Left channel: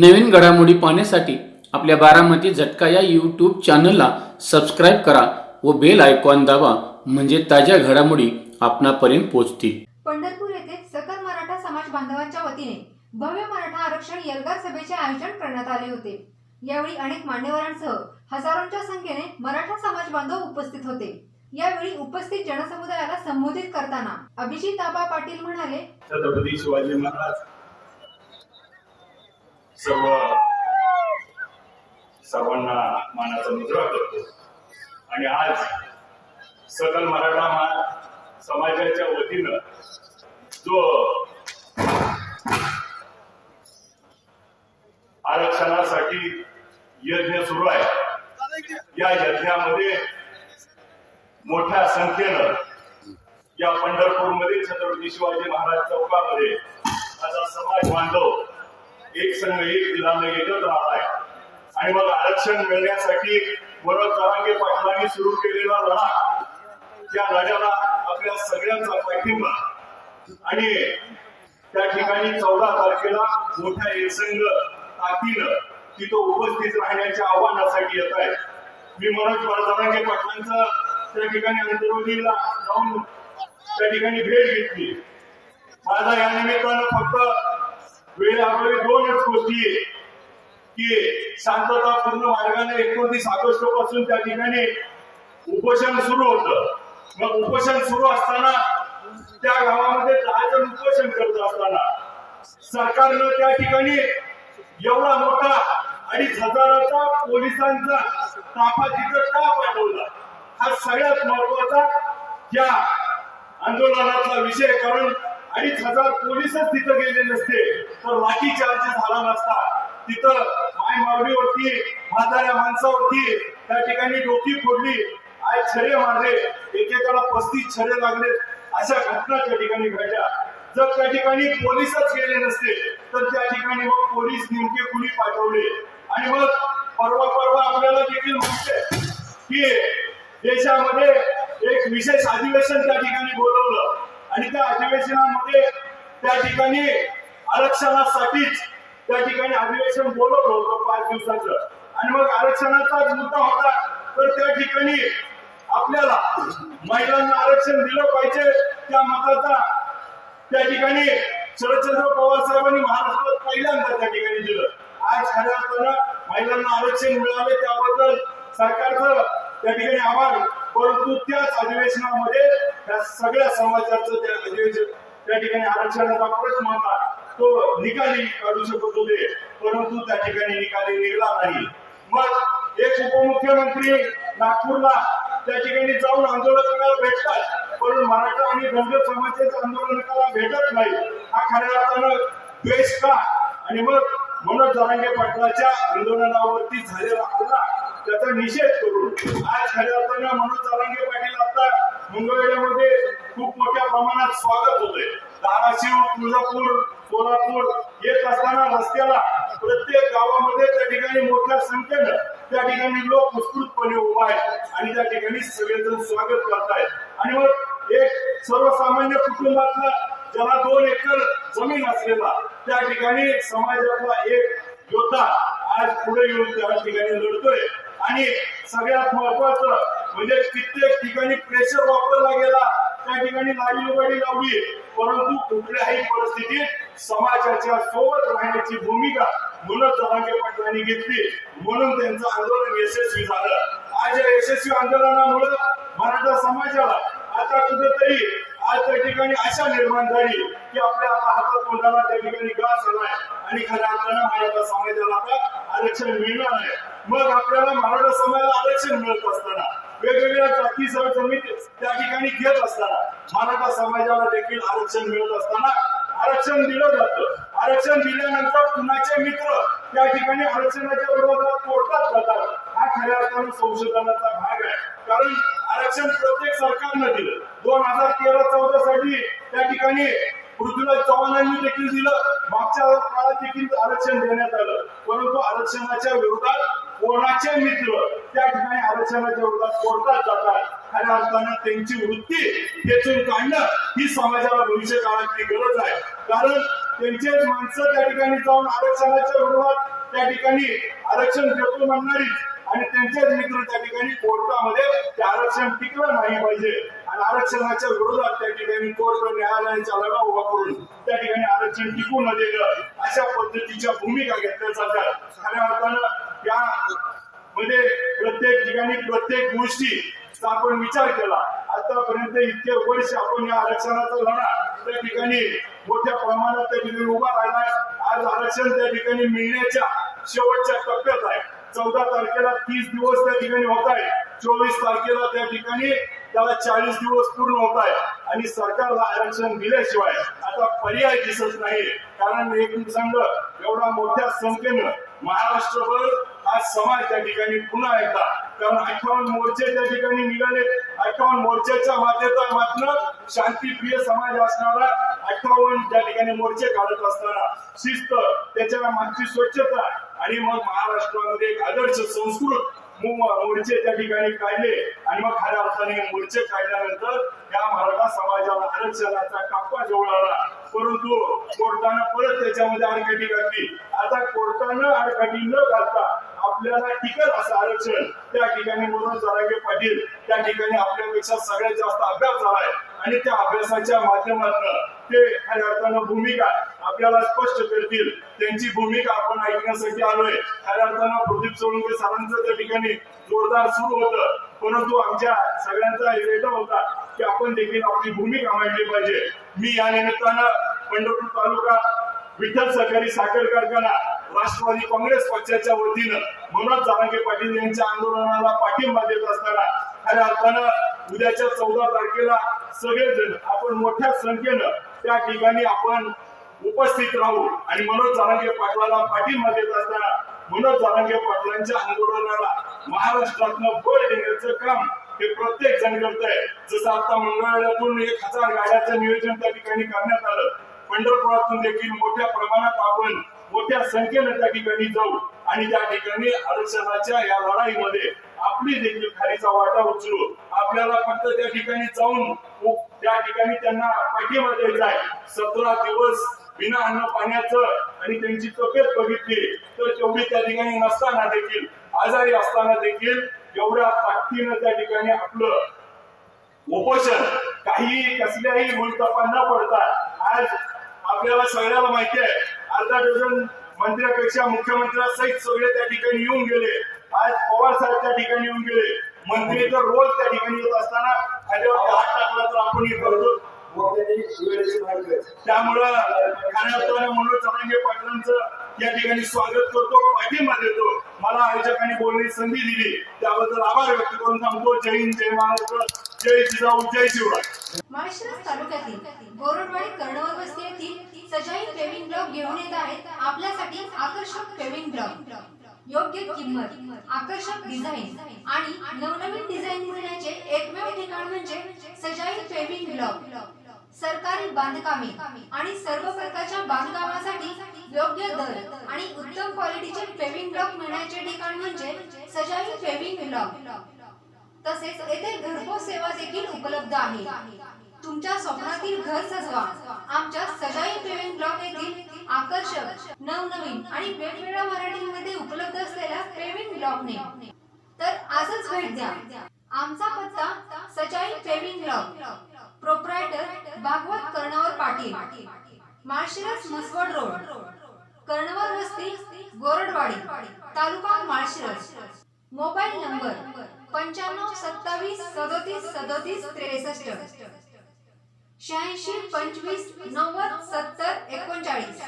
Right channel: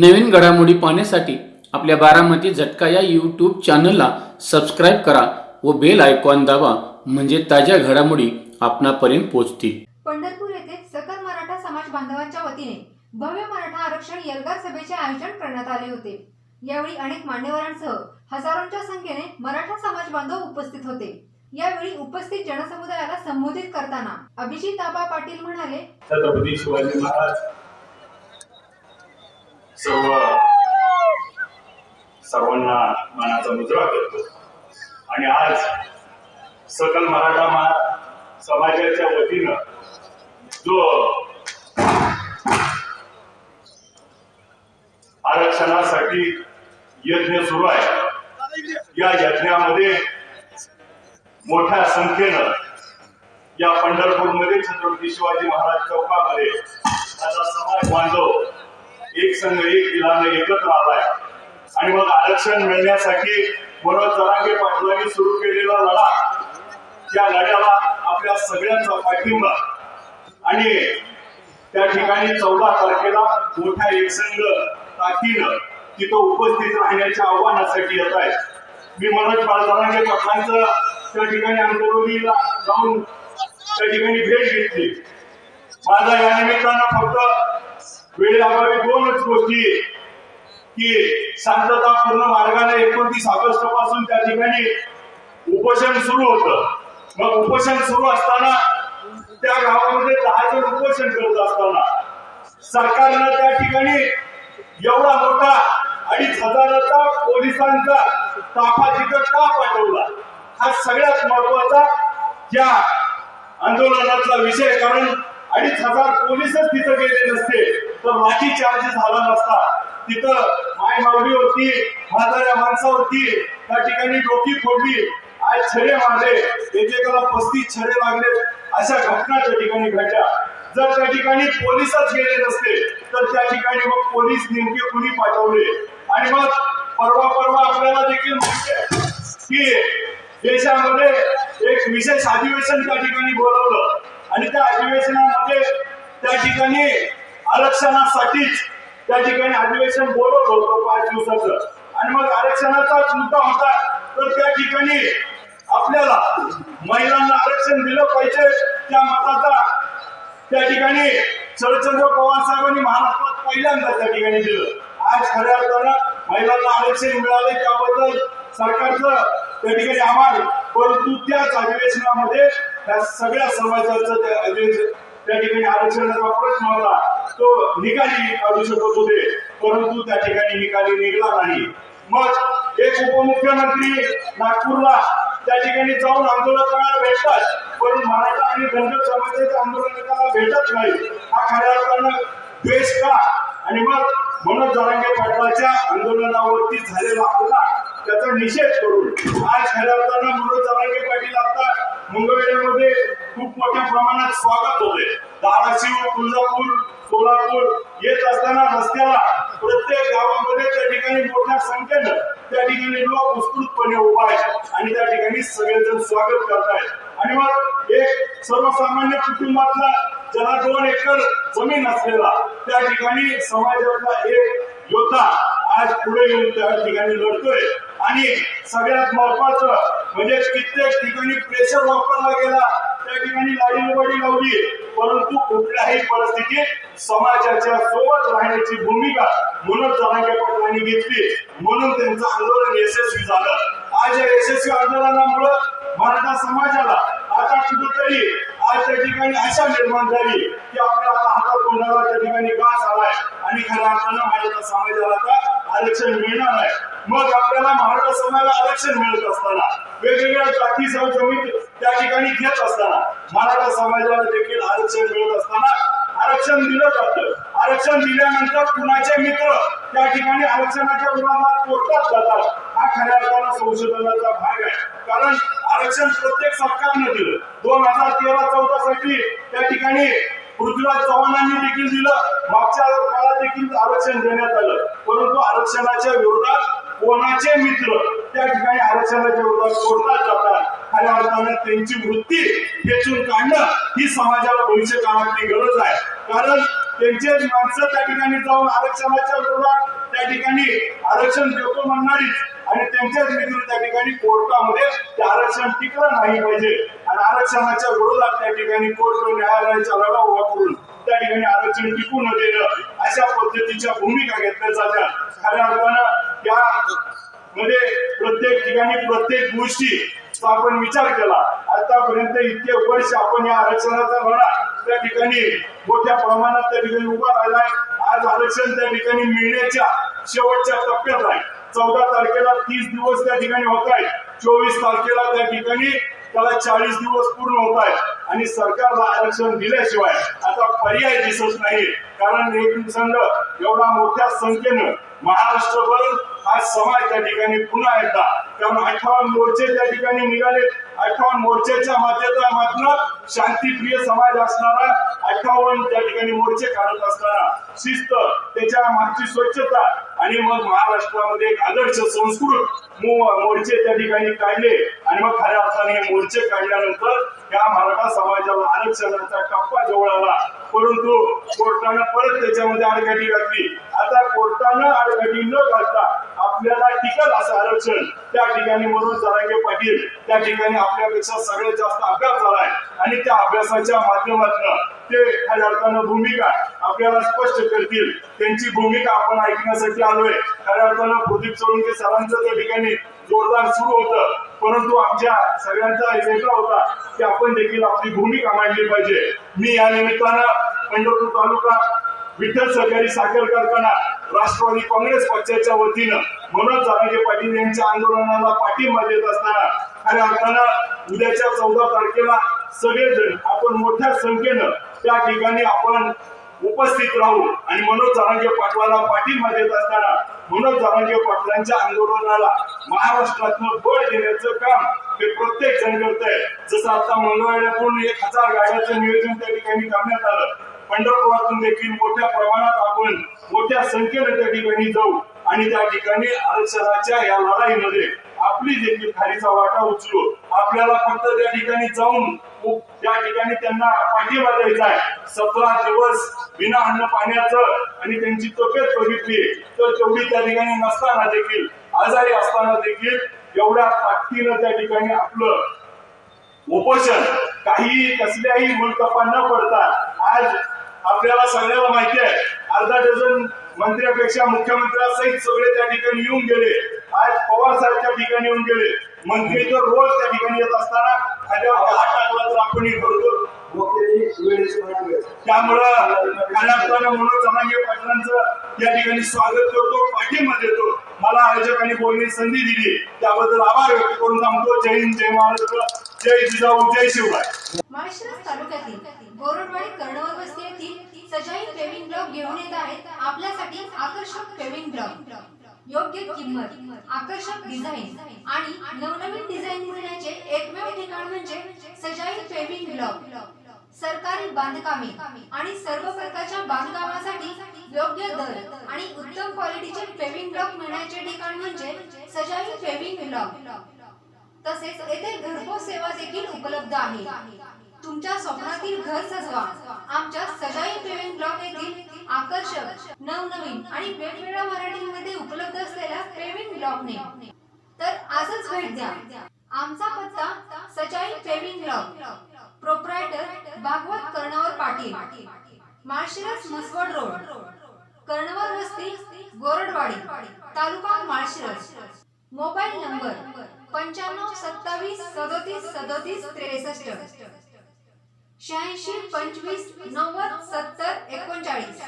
नवीन घडामोडी पाहण्यासाठी आपल्या बारामती झटका या यूट्यूब चॅनलला सबस्क्राईब करा व बेल आयकॉन दाबा, म्हणजे ताज्या घडामोडी आपणापर्यंत पोहोचतील. पंढरपूर येथे सकल मराठा समाज बांधवांच्या वतीने भव्य मराठा आरक्षण एल्गार सभेचे आयोजन करण्यात आले होते. यावेळी अनेक मान्यवरांसह हजारोंच्या संख्येने मराठा समाज बांधव उपस्थित होते. यावेळी उपस्थित जनसमुदायाला संबोधित करताना अभिजित आबा पाटील म्हणाले, छत्रपती शिवाजी महाराज सर्वांना मानाचा मुजरा करतो आणि आज सकल मराठा समाजाच्या वतीनं जो आरक्षणासाठी यज्ञ सुरू आहे, या यज्ञामध्ये मोठ्या संख्येनं या पंढरपूरमध्ये छत्रपती शिवाजी महाराज चौकामध्ये माझा समाज बांधव एक संघ एक दिलानं एकत्र आलाय. आणि मग आरक्षण मिळण्यासाठी मनोज जरांगे पाटलांनी सुरू केलेला लढा, त्या लढ्याला आपल्या सगळ्यांचा पाठिंबा. आणि त्या ठिकाणी 14 तारखेला मोठ्या एकसंघ ताकीनं तिथं उपस्थित राहण्याच्या आव्हानासाठी येत आहे. मी मनोज जरांगे पाटलांचं त्या ठिकाणी अंतर्गतीला जाऊन त्या ठिकाणी भेट घेतली. माझा या निमित्तानं फक्त वेळेअभावी दोनच गोष्टी, की शांततापूर्ण मार्गाने 29 ऑगस्ट पासून त्या ठिकाणी उपोषण सुरू होतं. मग उपोषण सुरू असताना त्या गावामध्ये 10 जण उपोषण करत असताना सरकारनं त्या ठिकाणी एवढा मोठा 2500चा पोलिसांचा ताफा तिथं का पाठवला, हा सगळ्यात महत्वाचा या आंदोलनातला विषय. कारण 2500 पोलीसच तिथं गेले नसते तर लाठी चार्ज झाला नसता. तिथं माय मावली होती, म्हाताऱ्या माणसावरती त्या ठिकाणी डोकी फोडली, आज छडे मारले, एकेकाला 35 छडे लागले, अशा घटना त्या ठिकाणी घडल्या. जर त्या ठिकाणी पोलीसच गेले नसते तर त्या ठिकाणी मग पोलीस नेमके कुणी पाठवले. आणि मग परवा आपल्याला देखील माहिती आहे की देशामध्ये एक विशेष अधिवेशन त्या ठिकाणी बोलवलं आणि त्या अधिवेशनामध्ये त्या ठिकाणी आरक्षणासाठीच त्या ठिकाणी अधिवेशन बोलवलं होतं 5 दिवसाचं. आणि मग आरक्षणाचा मुद्दा होता तर त्या ठिकाणी आपल्याला महिलांना आरक्षण दिलं पाहिजे, त्या मताचा त्या ठिकाणी शरदचंद्र पवार साहेबांनी महाराष्ट्रात पहिल्यांदा त्या ठिकाणी दिलं. आज खऱ्या अर्थानं महिलांना आरक्षण मिळाले त्याबद्दल सरकारचं त्या ठिकाणी आभार. परंतु त्याच अधिवेशनामध्ये त्या सगळ्या समाजाचं त्या ठिकाणी आरक्षणाचा प्रश्न होता, तो निकाली काढू शकत होते, परंतु त्या ठिकाणी निकाली निघाला नाही. मग एक उपमुख्यमंत्री नागपूरला त्या ठिकाणी जाऊन आंदोलकाला भेटतात, पण मराठा आणि धनगर समाजाच्या आंदोलकाला भेटत नाही. हा खऱ्या अर्थानं द्वेष का? आणि मग मनोज जरांगे पाटलाच्या आंदोलनावरती झालेला हल्ला, त्याचा निषेध करून आज खऱ्या अर्थानं मनोज जरांगे पाटील आता मंगळवेढ्यामध्ये खूप मोठ्या प्रमाणात स्वागत होते. धाराशिव, तुळजापूर, सोलापूर येत असताना रस्त्याला प्रत्येक गावामध्ये त्या ठिकाणी मोठ्या संख्येनं त्या ठिकाणी लोक उत्स्फूर्तपणे उभा आहेत आणि त्या ठिकाणी सगळेजण स्वागत करतायत. आणि मग एक सर्वसामान्य कुटुंबातला ज्याला 2 एकर जमीन असलेला त्या ठिकाणी समाजातला एक योद्धा आज पुढे येऊन त्या ठिकाणी लढतोय. आणि सगळ्यात महत्वाचं म्हणजे कित्येक ठिकाणी प्रेशर वापरला गेला, त्या ठिकाणी लाडीलुबाडी लावली, परंतु कुठल्याही परिस्थितीत समाजाच्या सोबत राहण्याची भूमिका मनोज जरांगे पाटलांनी घेतली, म्हणून त्यांचं आंदोलन यशस्वी झालं. आज या यशस्वी आंदोलनामुळे मराठा समाजाला आता कुठेतरी आज त्या ठिकाणी आशा निर्माण झाली की आपल्या आता हातात तोंडाला त्या ठिकाणी घास आलाय आणि खऱ्या अर्थानं मराठा समाजाला आता आरक्षण मिळणार आहे. मग आपल्याला मराठा समाजाला आरक्षण मिळत असताना, वेगवेगळ्या जाती जमीन त्या ठिकाणी घेत असताना, मराठा समाजाला देखील आरक्षण मिळत असताना आरक्षण दिलं जातं. आरक्षण दिल्यानंतर कुणाचे मित्र त्या ठिकाणी आरक्षणाच्या विरोधात कोर्टात जातात. हा खऱ्या अर्थानं संशोधनाचा भाग आहे. कारण आरक्षण प्रत्येक सरकारनं दिलं. 2013-14 साठी त्या ठिकाणी पृथ्वीराज चव्हाणांनी देखील दिलं, मागच्या काळात देखील आरक्षण देण्यात आलं, परंतु आरक्षणाच्या विरोधात कोणाचे मित्र त्या ठिकाणी आरक्षणाच्या विरोधात कोर्टात जातात. खऱ्या अर्थानं त्यांची वृत्ती खेचून काढणं ही समाजाला भविष्य काळातली गरज आहे. कारण त्यांचेच माणसं त्या ठिकाणी जाऊन आरक्षणाच्या विरोधात त्या ठिकाणी आरक्षण देतो म्हणणारी आणि त्यांच्याच मित्र त्या ठिकाणी कोर्टामध्ये ते आरक्षण टिकलं नाही पाहिजे आणि आरक्षणाच्या विरोधात त्या ठिकाणी कोर्ट न्यायालयाचा लढा उभा करून त्या ठिकाणी आरक्षण टिकू न देणं अशा पद्धतीच्या भूमिका घेतल्या जातात. खऱ्या अर्थानं या मध्ये प्रत्येक ठिकाणी प्रत्येक गोष्टीचा आपण विचार केला. आतापर्यंत इतके वर्ष आपण या आरक्षणाचा लढा त्या ठिकाणी मोठ्या प्रमाणात त्या ठिकाणी उभा राहिलाय. आज आरक्षण त्या ठिकाणी मिळण्याच्या शेवटच्या टप्प्यात आहे. 14 तारखेला 30 दिवस त्या ठिकाणी होत आहेत. 24 तारखेला त्या ठिकाणी त्याला 40 दिवस पूर्ण होत आहेत आणि सरकारला आरक्षण दिल्याशिवाय आता पर्याय दिसत नाही. कारण एक संघ एवढा मोठ्या संख्येनं महाराष्ट्रभर हा समाज त्या ठिकाणी पुन्हा एकदा, कारण 58 मोर्चे त्या ठिकाणी निघाले. 58 मोर्चाच्या माध्यमातून शांतीप्रिय समाज असणारा 58 त्या ठिकाणी मोर्चे काढत असताना शिस्त, त्याच्या मागची स्वच्छता आणि मग महाराष्ट्रामध्ये एक आदर्श संस्कृत मोर्चे त्या ठिकाणी काढले आणि मग खऱ्या अर्थाने मोर्चे काढल्यानंतर या मराठा समाजाला आरक्षणाचा टप्पा जवळ आला. परंतु कोर्टानं परत त्याच्यामध्ये आडकाठी घातली. आता कोर्टानं आडकाठी न घालता आपल्याला टिकल असं आरक्षण त्या ठिकाणी मनोज जरांगे पाटील त्या ठिकाणी आपल्यापेक्षा सगळ्यात जास्त अभ्यास झालाय आणि त्या अभ्यासाच्या माध्यमातून ते खऱ्या अर्थानं भूमिका आपल्याला स्पष्ट करतील. त्यांची भूमिका आपण ऐकण्यासाठी आलोय. खऱ्या अर्थानं प्रदीप सोळंके सरांचं त्या ठिकाणी जोरदार सुरू होतं, परंतु आमच्या सगळ्यांचा एजेंडा होता की आपण देखील आपली भूमिका मांडली पाहिजे. मी या निमित्तानं पंढरपूर तालुका विठ्ठल सहकारी साखर कारखाना राष्ट्रवादी काँग्रेस पक्षाच्या वतीनं मनोज जरांगे पाटील यांच्या आंदोलनाला पाठिंबा देत असताना खऱ्या अर्थानं उद्याच्या 14 तारखेला सगळेजण आपण मोठ्या संख्येनं त्या ठिकाणी आपण उपस्थित राहू आणि मनोज जरांगे पाटलाला पाठिंबा देत असताना मनोज जरांगे पाटलांच्या आंदोलनाला महाराष्ट्रातनं बळ देण्याचं काम हे प्रत्येक जण करत आहे. जसं आता मंगळवेढ्यातून 1000 गाड्याचं नियोजन त्या ठिकाणी करण्यात आलं. पंढरपुरातून देखील मोठ्या प्रमाणात आपण मोठ्या संख्येने त्या ठिकाणी जाऊ आणि त्या ठिकाणी आरक्षणाच्या या लढाईमध्ये आपली देखील खारीचा वाटा उचलू. आपल्याला फक्त त्या ठिकाणी जाऊन त्या ठिकाणी त्यांना पाठिंबा द्यायचा आहे. 17 दिवस बिना अन्न पाण्याचं आणि त्यांची तब्येत बघितली तर तेवढी त्या ठिकाणी नसताना देखील, आजारी असताना देखील एवढ्या ताकदीनं त्या ठिकाणी आपलं उपोषण काही कसल्याही मुलतपा न पडता आज आपल्याला सगळ्याला माहिती आहे अर्धा डझन मंत्र्यापेक्षा मुख्यमंत्र्यासहित सगळे त्या ठिकाणी येऊन गेले. आज पवार साहेब त्या ठिकाणी येऊन गेले. मंत्री तर रोज त्या ठिकाणी येत असताना खाद्यावर हात टाकला तर आपणही करतो. त्यामुळं खऱ्या अर्थानं मनोज जरांगे पाटलांचं या ठिकाणी स्वागत करतो, पाठिंबा देतो. मला आयोजकांनी बोलण्याची संधी दिली त्याबद्दल आभार व्यक्त करून थांबतो. जय हिंद, जय महाराष्ट्र, जय जिजाऊ, जय शिवराय. माळशिरस तालुक्यातील गोरडवाडी कर्णवर वस्ती येथील सजाई पेविंग ब्लॉक घेऊन येत आहेत आपल्यासाठी आकर्षक पेविंग ब्लॉक. योग्य किंमत, आकर्षक डिझाईन आणि नवनवीन डिझाईन देण्याचे एकमेव ठिकाण म्हणजे सजाई पेविंग ब्लॉक. सरकारी बांधकामे आणि सर्व प्रकारच्या बांधकामासाठी योग्य दर आणि उत्तम क्वालिटीचे पेविंग ब्लॉक मिळण्याचे ठिकाण म्हणजे सजाई पेविंग ब्लॉक. तसेच येथे घरपोच सेवा देखील उपलब्ध आहे. तुमच्या स्वप्नातील घर सजवा आमच्या सजाई पेविंग ब्लॉक येथील आकर्षक, नवनवीन आणि वेगवेगळ्या व्हरायटीमध्ये उपलब्ध असलेल्या पेविंग ब्लॉकने. तर आजच भेट द्या. आमचा पत्ता Sajai paving block, proprietor Bhagwat Karnavar Patil, Malshiras Maswad road, Karnavar वस्ती, गोरडवाडी, तालुका माळशिरस. Mobile number 95 27 37 37 63, 86 25 90 70 39.